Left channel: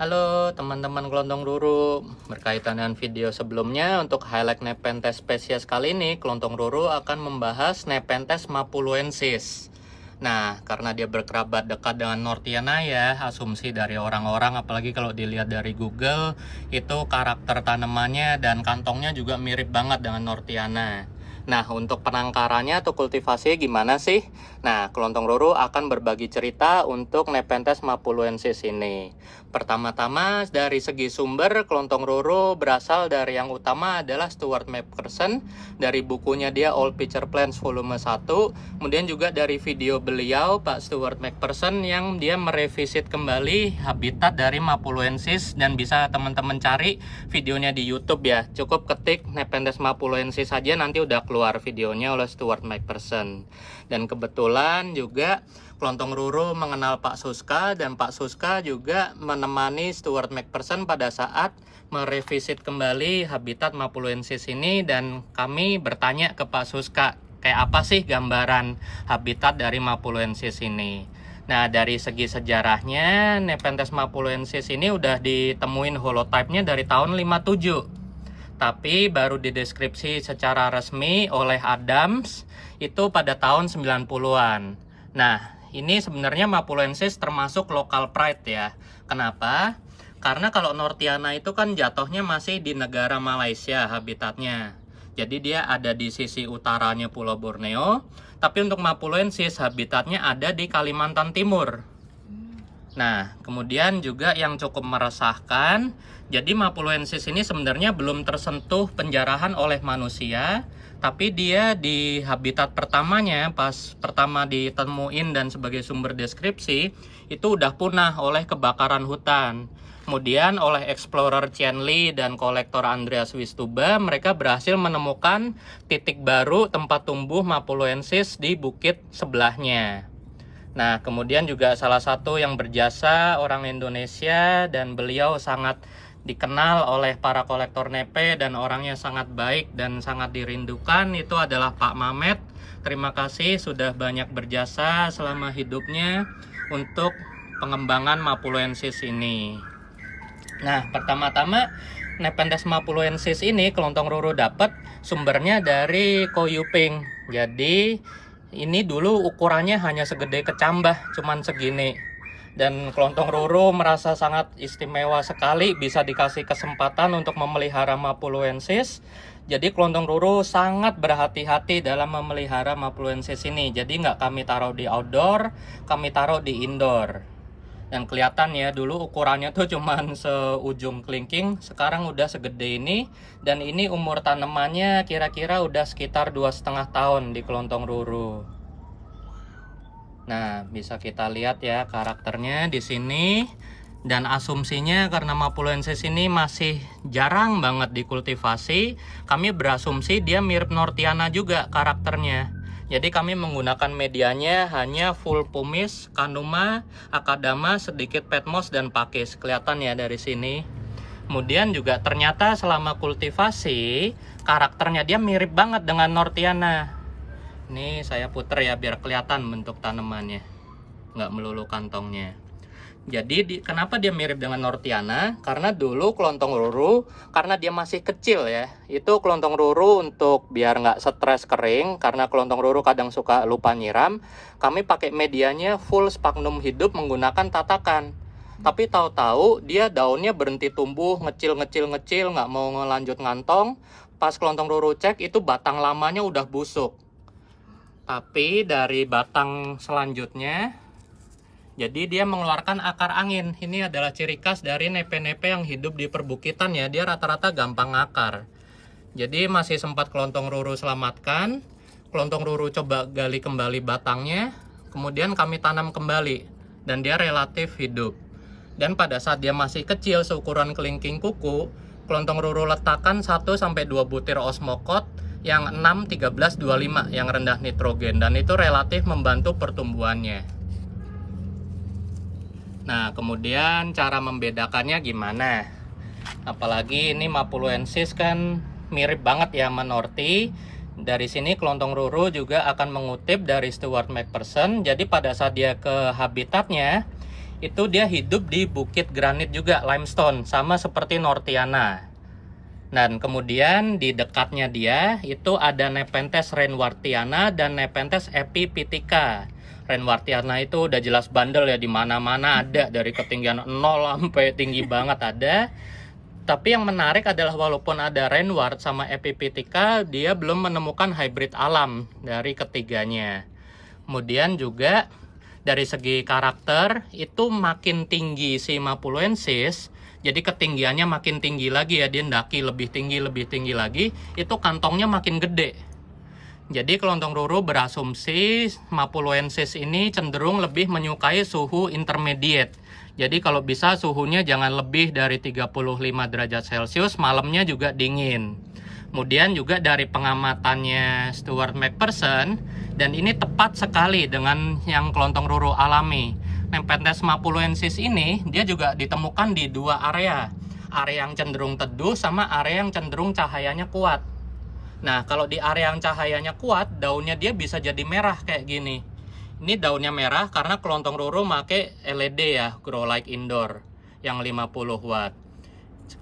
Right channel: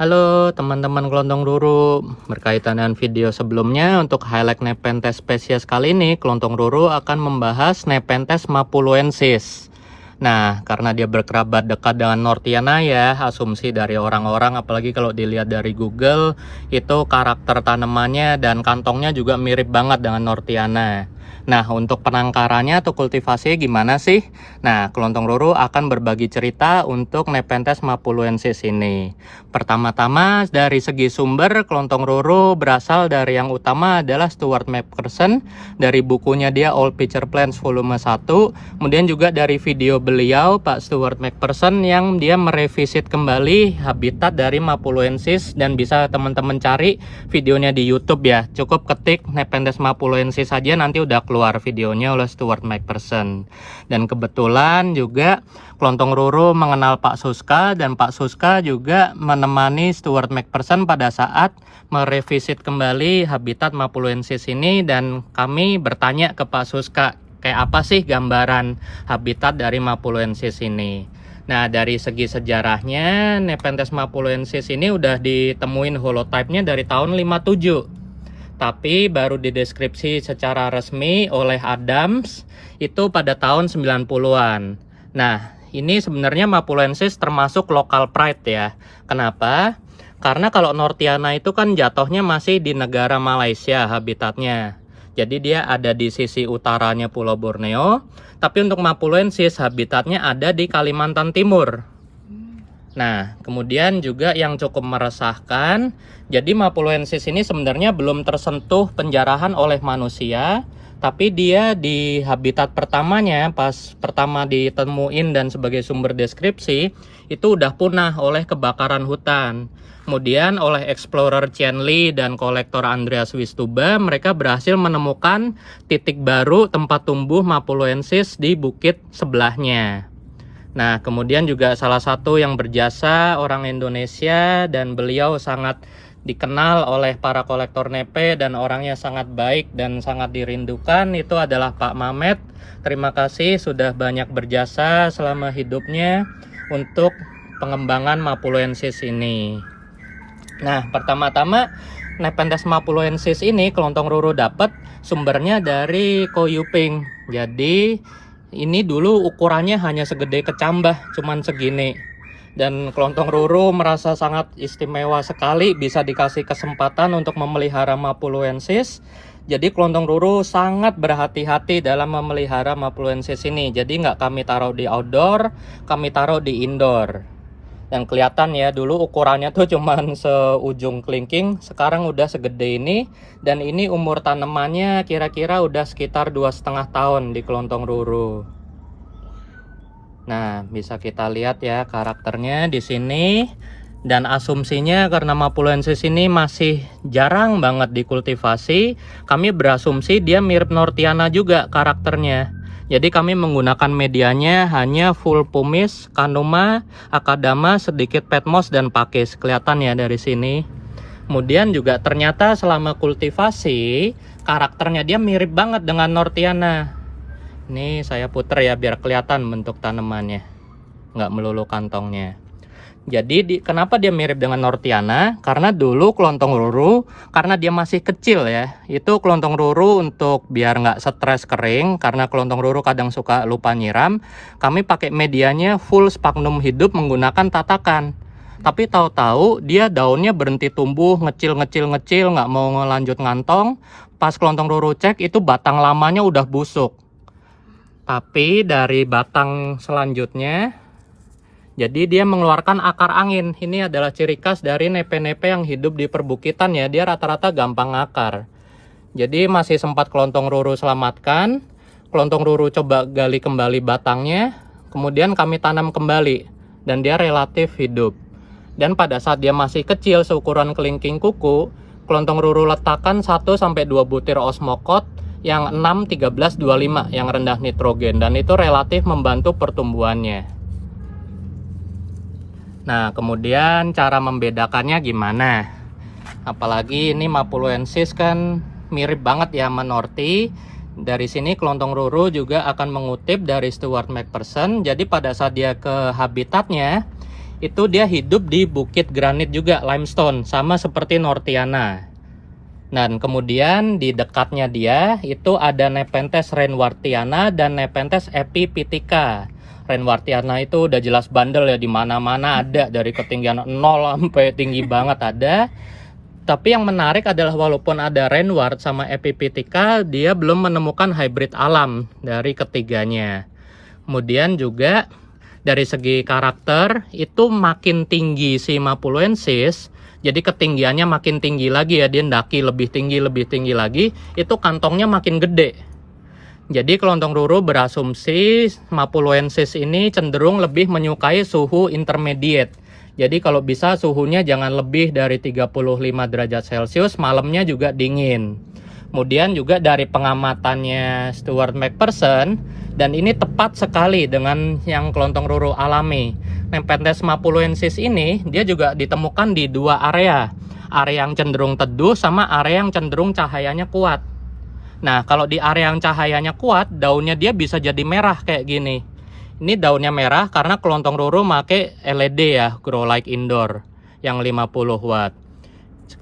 Halo teman-teman kelontong ruru, berkaitan dengan video sebelumnya untuk highlight Nepenthes spesies kali ini, kelontong ruru akan membahas Nepenthes mapuloensis. Nah, karena dia berkerabat dekat dengan Nortiana ya, asumsi dari orang-orang, apalagi kalau dilihat dari Google, itu karakter tanamannya dan kantongnya juga mirip banget dengan Nortiana. Nah, untuk penangkarannya atau kultivasinya gimana sih? Nah, kelontong ruru akan berbagi cerita untuk Nepenthes mapuloensis ini. Pertama-tama dari segi sumber, kelontong ruru berasal dari yang utama adalah Stuart McPherson. Dari bukunya dia All Picture Plants volume 1. Kemudian juga dari video beliau Pak Stuart McPherson yang dia merevisit kembali habitat dari mapuloensis, dan bisa teman-teman cari videonya di YouTube ya. Cukup ketik Nepenthes mapuloensis saja nanti udah keluar videonya oleh Stuart McPherson. Dan kebetulan juga kelontong ruru mengenal Pak Suska, dan Pak Suska juga menemani Stuart McPherson pada saat merevisit kembali habitat mapuloensis ini, dan kami bertanya ke Pak Suska kayak apa sih gambaran habitat dari mapuloensis ini. Nah, dari segi sejarahnya Nepenthes mapuloensis ini udah ditemuin holotype-nya dari tahun 57. Tapi baru dideskripsi secara resmi oleh Adams itu pada tahun 90-an. Nah, ini sebenarnya mapuloensis termasuk local pride ya. Kenapa? Karena kalau Nortiana itu kan jatuhnya masih di negara Malaysia habitatnya. Jadi dia ada di sisi utaranya Pulau Borneo. Tapi untuk mapuloensis habitatnya ada di Kalimantan Timur. Nah, kemudian juga yang cukup meresahkan, jadi mapuloensis ini sebenarnya belum tersentuh penjarahan oleh manusia, tapi dia di habitat pertamanya, pas pertama ditemuin dan sebagai sumber deskripsi, itu udah punah oleh kebakaran hutan. Kemudian oleh explorer Chen Li dan kolektor Andreas Wistuba, mereka berhasil menemukan titik baru tempat tumbuh mapuloensis di bukit sebelahnya. Nah, kemudian juga salah satu yang berjasa orang Indonesia, dan beliau sangat dikenal oleh para kolektor nepe dan orangnya sangat baik dan sangat dirindukan, itu adalah Pak Mamet. Terima kasih sudah banyak berjasa selama hidupnya untuk pengembangan mapuloensis ini. Nah, pertama-tama Nepenthes mapuloensis ini kelontong ruru dapat sumbernya dari Koyuping. Jadi ini dulu ukurannya hanya segede kecambah, cuman segini. Dan kelontong ruru merasa sangat istimewa sekali bisa dikasih kesempatan untuk memelihara mapuloensis. Jadi kelontong ruru sangat berhati-hati dalam memelihara mapuloensis ini. Jadi nggak kami taruh di outdoor, kami taruh di indoor. Dan kelihatan ya, dulu ukurannya tuh cuman seujung kelingking, sekarang udah segede ini. Dan ini umur tanamannya kira-kira udah sekitar 2,5 tahun di kelontong ruru. Nah, bisa kita lihat ya karakternya di sini. Dan asumsinya karena mapuloensis ini masih jarang banget dikultivasi, kami berasumsi dia mirip Nortiana juga karakternya. Jadi kami menggunakan medianya hanya full pumice, canuma, akadama, sedikit petmos, dan pakis. Kelihatan ya dari sini. Kemudian juga ternyata selama kultivasi, karakternya dia mirip banget dengan Nortiana. Ini saya puter ya biar kelihatan bentuk tanamannya. Nggak melulu kantongnya. Jadi kenapa dia mirip dengan Nortiana? Karena dulu kelontong ruru, karena dia masih kecil ya, itu kelontong ruru untuk biar nggak stres kering, karena kelontong ruru kadang suka lupa nyiram, kami pakai medianya full sphagnum hidup menggunakan tatakan. Tapi tahu-tahu dia daunnya berhenti tumbuh, ngecil, nggak mau ngelanjut ngantong. Pas kelontong ruru cek, itu batang lamanya udah busuk. Tapi dari batang selanjutnya, jadi dia mengeluarkan akar angin. Ini adalah ciri khas dari nepe-nepe yang hidup di perbukitan ya. Dia rata-rata gampang akar. Jadi masih sempat kelontong ruru selamatkan. Kelontong ruru coba gali kembali batangnya. Kemudian kami tanam kembali. Dan dia relatif hidup. Dan pada saat dia masih kecil seukuran kelingking kuku, kelontong ruru letakkan 1-2 butir osmokot yang 6-13-25 yang rendah nitrogen. Dan itu relatif membantu pertumbuhannya. Nah, kemudian cara membedakannya gimana? Apalagi ini mapuloensis kan mirip banget ya sama Norti. Dari sini kelontong ruru juga akan mengutip dari Stuart McPherson. Jadi pada saat dia ke habitatnya, itu dia hidup di bukit granit juga, limestone, sama seperti Nortiana. Dan kemudian di dekatnya dia itu ada Nepenthes rainwartiana dan Nepenthes epipitica. Rainwartiana itu udah jelas bandel ya, di mana-mana ada, dari ketinggian 0 sampai tinggi banget ada. Tapi yang menarik adalah walaupun ada rainwart sama epipitica, dia belum menemukan hybrid alam dari ketiganya. Kemudian juga dari segi karakter itu makin tinggi si Mapuloensis, jadi ketinggiannya makin tinggi lagi ya, dia ndaki lebih tinggi lagi, itu kantongnya makin gede. Jadi kelontong ruru berasumsi Mapuloensis ini cenderung lebih menyukai suhu intermediate. Jadi kalau bisa suhunya jangan lebih dari 35 derajat Celcius, malamnya juga dingin. Kemudian juga dari pengamatannya Stuart McPherson, dan ini tepat sekali dengan yang kelontong ruru alami. Nepenthes mapuloensis ini dia juga ditemukan di dua area yang cenderung teduh sama area yang cenderung cahayanya kuat. Nah, kalau di area yang cahayanya kuat, daunnya dia bisa jadi merah kayak gini. Ini daunnya merah karena kelontong ruru make LED ya, grow light indoor yang 50 watt.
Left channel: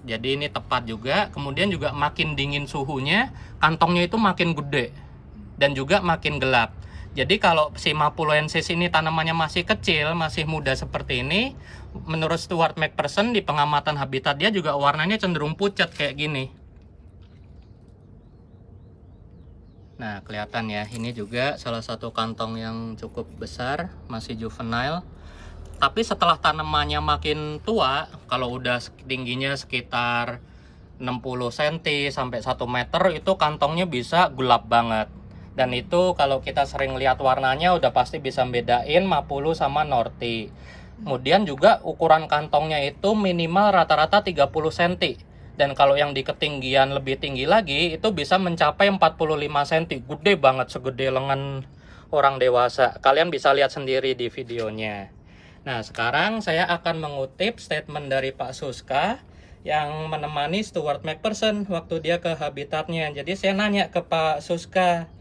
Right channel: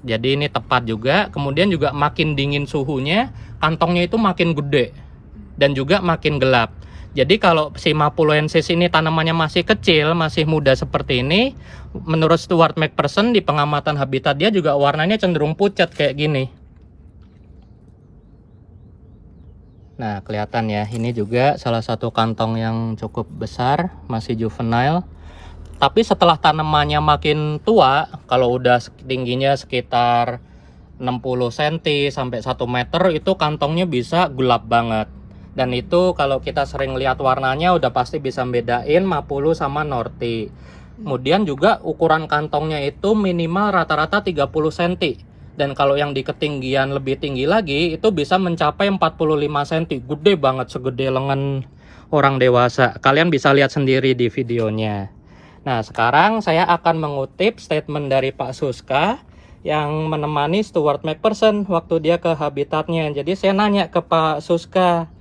Jadi ini tepat juga. Kemudian juga makin dingin suhunya, kantongnya itu makin gede dan juga makin gelap. Jadi kalau si Mapuloensis ini tanamannya masih kecil, masih muda seperti ini, menurut Stuart McPherson di pengamatan habitat dia juga warnanya cenderung pucat kayak gini. Nah, kelihatan ya, ini juga salah satu kantong yang cukup besar, masih juvenile. Tapi setelah tanamannya makin tua, kalau udah tingginya sekitar 60 cm sampai 1 meter, itu kantongnya bisa gelap banget. Dan itu kalau kita sering lihat warnanya udah pasti bisa bedain Mapulu sama Norti. Kemudian juga ukuran kantongnya itu minimal rata-rata 30 cm. Dan kalau yang di ketinggian lebih tinggi lagi itu bisa mencapai 45 cm. Gede banget, segede lengan orang dewasa. Kalian bisa lihat sendiri di videonya. Nah, sekarang saya akan mengutip statement dari Pak Suska yang menemani Stuart McPherson waktu dia ke habitatnya. Jadi saya nanya ke Pak Suska,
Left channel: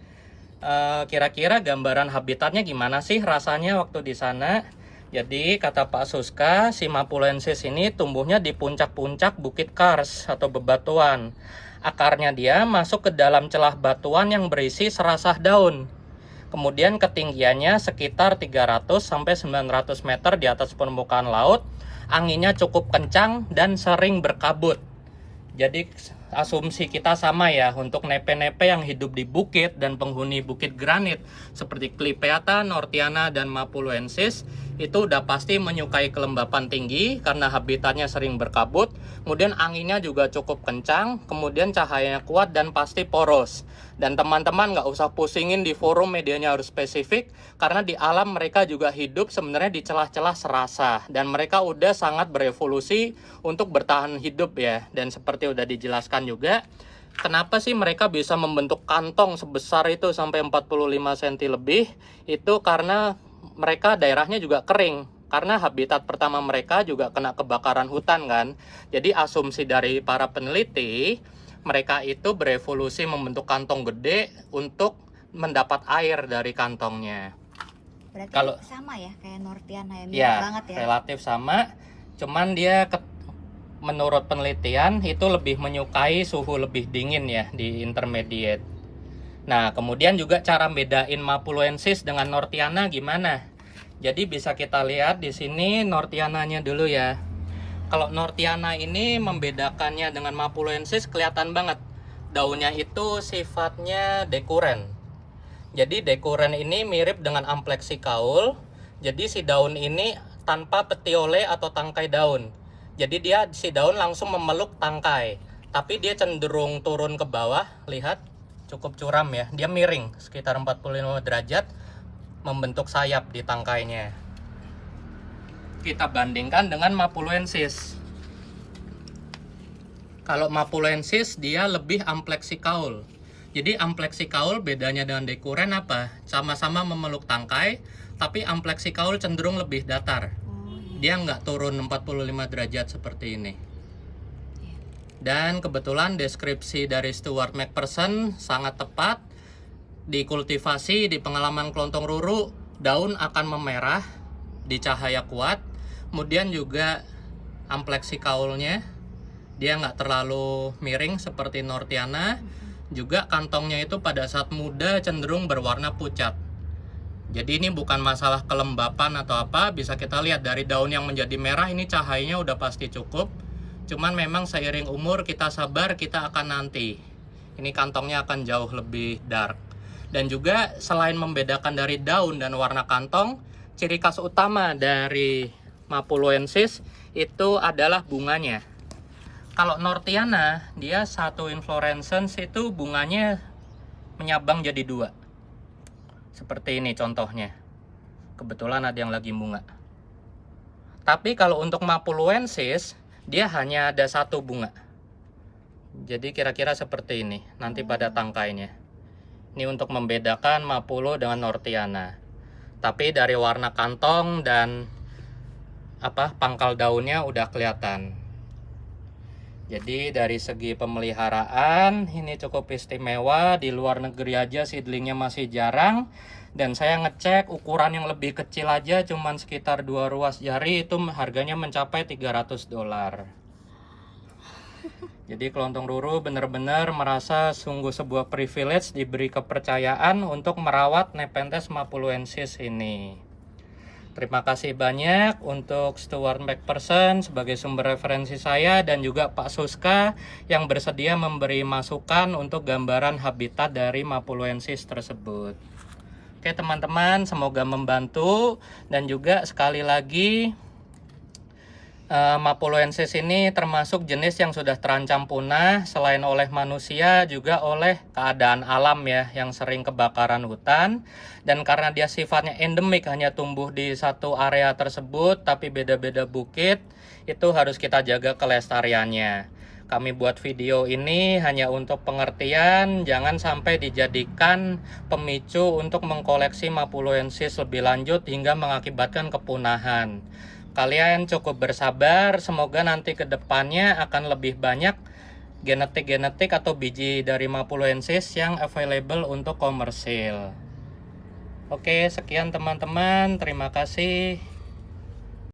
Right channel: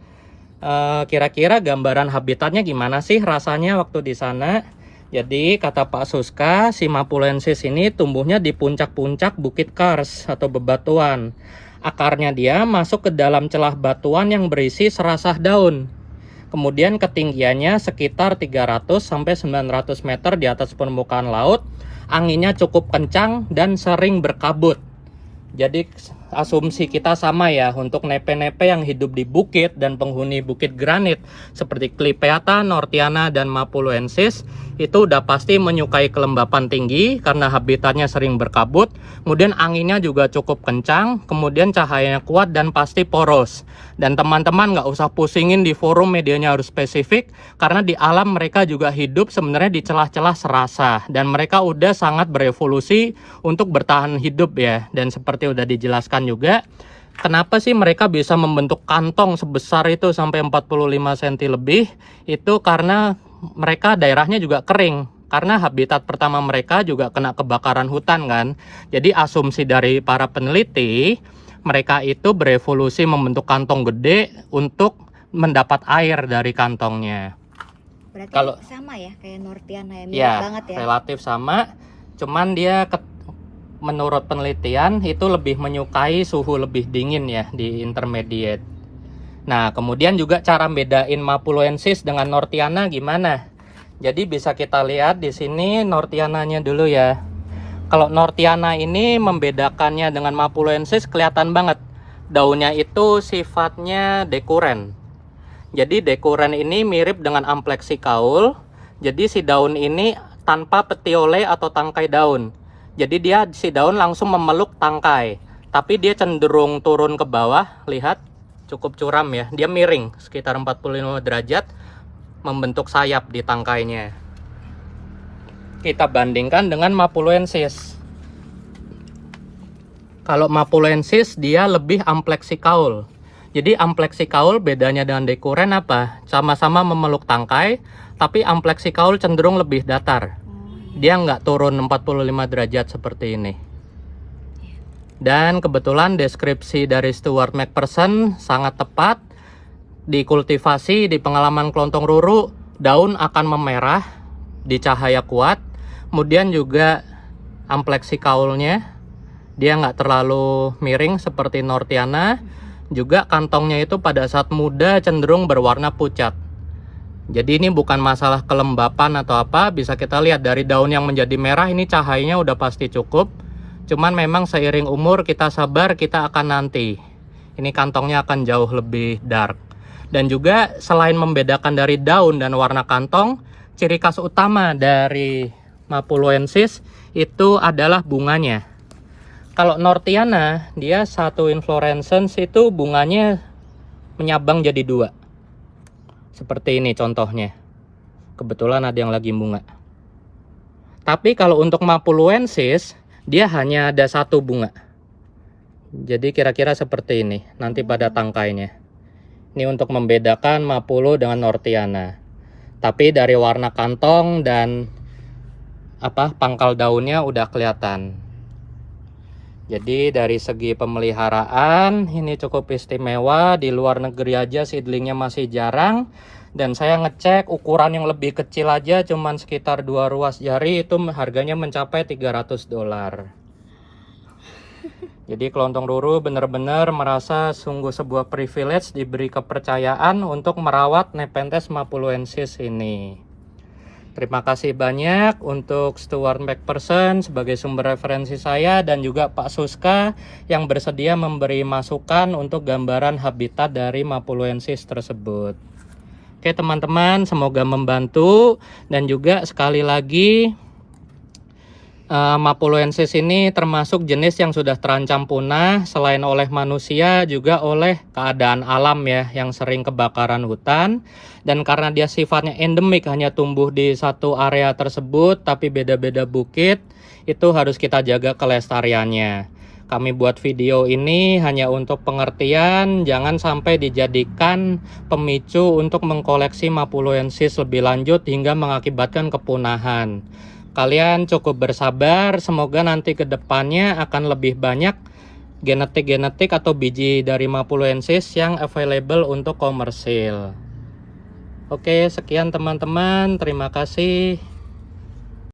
kira-kira gambaran habitatnya gimana sih rasanya waktu di sana? Jadi kata Pak Suska, si Mapuloensis ini tumbuhnya di puncak-puncak bukit kars atau bebatuan. Akarnya dia masuk ke dalam celah batuan yang berisi serasah daun. Kemudian ketinggiannya sekitar 300 sampai 900 meter di atas permukaan laut. Anginnya cukup kencang dan sering berkabut. Jadi asumsi kita sama ya, untuk nepe-nepe yang hidup di bukit dan penghuni bukit granit seperti Clypeata, Nortiana, dan Mapuloensis itu udah pasti menyukai kelembapan tinggi karena habitatnya sering berkabut. Kemudian anginnya juga cukup kencang, kemudian cahayanya kuat dan pasti poros. Dan teman-teman nggak usah pusingin di forum medianya harus spesifik, karena di alam mereka juga hidup sebenarnya di celah-celah serasa, dan mereka udah sangat berevolusi untuk bertahan hidup ya. Dan seperti udah dijelaskan juga, kenapa sih mereka bisa membentuk kantong sebesar itu sampai 45 cm lebih, itu karena mereka daerahnya juga kering. Karena habitat pertama mereka juga kena kebakaran hutan kan. Jadi asumsi dari para peneliti, mereka itu berevolusi membentuk kantong gede untuk mendapat air dari kantongnya. Berarti kalau sama ya kayak Nortiana ya, mirip ya, banget ya. relatif sama. Cuman dia menurut penelitian itu lebih menyukai suhu lebih dingin ya di intermediate. Nah, kemudian juga cara bedain Mapuloensis dengan Nortiana gimana? Jadi bisa kita lihat di sini Nortiananya dulu ya. Kalau Nortiana ini membedakannya dengan Mapuloensis kelihatan banget. Daunnya itu sifatnya dekuren. Jadi dekuren ini mirip dengan Amplexikaul. Jadi si daun ini tanpa petiole atau tangkai daun. Jadi si daun langsung memeluk tangkai. Tapi dia cenderung turun ke bawah, lihat. Cukup curam ya, dia miring sekitar 45 derajat, membentuk sayap di tangkainya. Kita bandingkan dengan Mapuloensis. Kalau Mapuloensis dia lebih Amplexikaul. Jadi Amplexikaul bedanya dengan dekuren apa? Sama-sama memeluk tangkai, tapi Amplexikaul cenderung lebih datar. Dia nggak turun 45 derajat seperti ini. Dan kebetulan deskripsi dari Stuart McPherson sangat tepat. Di kultivasi, di pengalaman kelontong ruru, daun akan memerah di cahaya kuat. Kemudian juga ampleksi kaulnya, dia nggak terlalu miring seperti Nortiana. Juga kantongnya itu pada saat muda cenderung berwarna pucat. Jadi ini bukan masalah kelembapan atau apa, bisa kita lihat dari daun yang menjadi merah ini cahayanya udah pasti cukup. Cuman memang seiring umur kita sabar, kita akan nanti. Ini kantongnya akan jauh lebih dark. Dan juga selain membedakan dari daun dan warna kantong, ciri khas utama dari Mapuloensis itu adalah bunganya. Kalau Nortiana, dia satu inflorescence itu bunganya menyabang jadi dua. Seperti ini contohnya. Kebetulan ada yang lagi bunga. Tapi kalau untuk Mapuloensis, dia hanya ada satu bunga. Jadi kira-kira seperti ini nanti pada tangkainya. Ini untuk membedakan Mapulo dengan Nortiana. Tapi dari warna kantong dan pangkal daunnya udah kelihatan. Jadi dari segi pemeliharaan ini cukup istimewa. Di luar negeri aja seedlingnya masih jarang. Dan saya ngecek ukuran yang lebih kecil aja cuman sekitar 2 ruas jari itu harganya mencapai $300. Jadi kelontong ruru benar-benar merasa sungguh sebuah privilege diberi kepercayaan untuk merawat Nepenthes mapuloensis ini. Terima kasih banyak untuk Stuart McPherson sebagai sumber referensi saya dan juga Pak Suska yang bersedia memberi masukan untuk gambaran habitat dari Mapuloensis tersebut. Oke teman-teman, semoga membantu dan juga sekali lagi Mapuloensis ini termasuk jenis yang sudah terancam punah selain oleh manusia juga oleh keadaan alam ya yang sering kebakaran hutan. Dan karena dia sifatnya endemik hanya tumbuh di satu area tersebut tapi beda-beda bukit, itu harus kita jaga kelestariannya. Kami buat video ini hanya untuk pengertian, jangan sampai dijadikan pemicu untuk mengkoleksi Mapuloensis lebih lanjut hingga mengakibatkan kepunahan. Kalian cukup bersabar, semoga nanti ke depannya akan lebih banyak genetik-genetik atau biji dari Mapuloensis yang available untuk komersil. Oke, sekian teman-teman, terima kasih.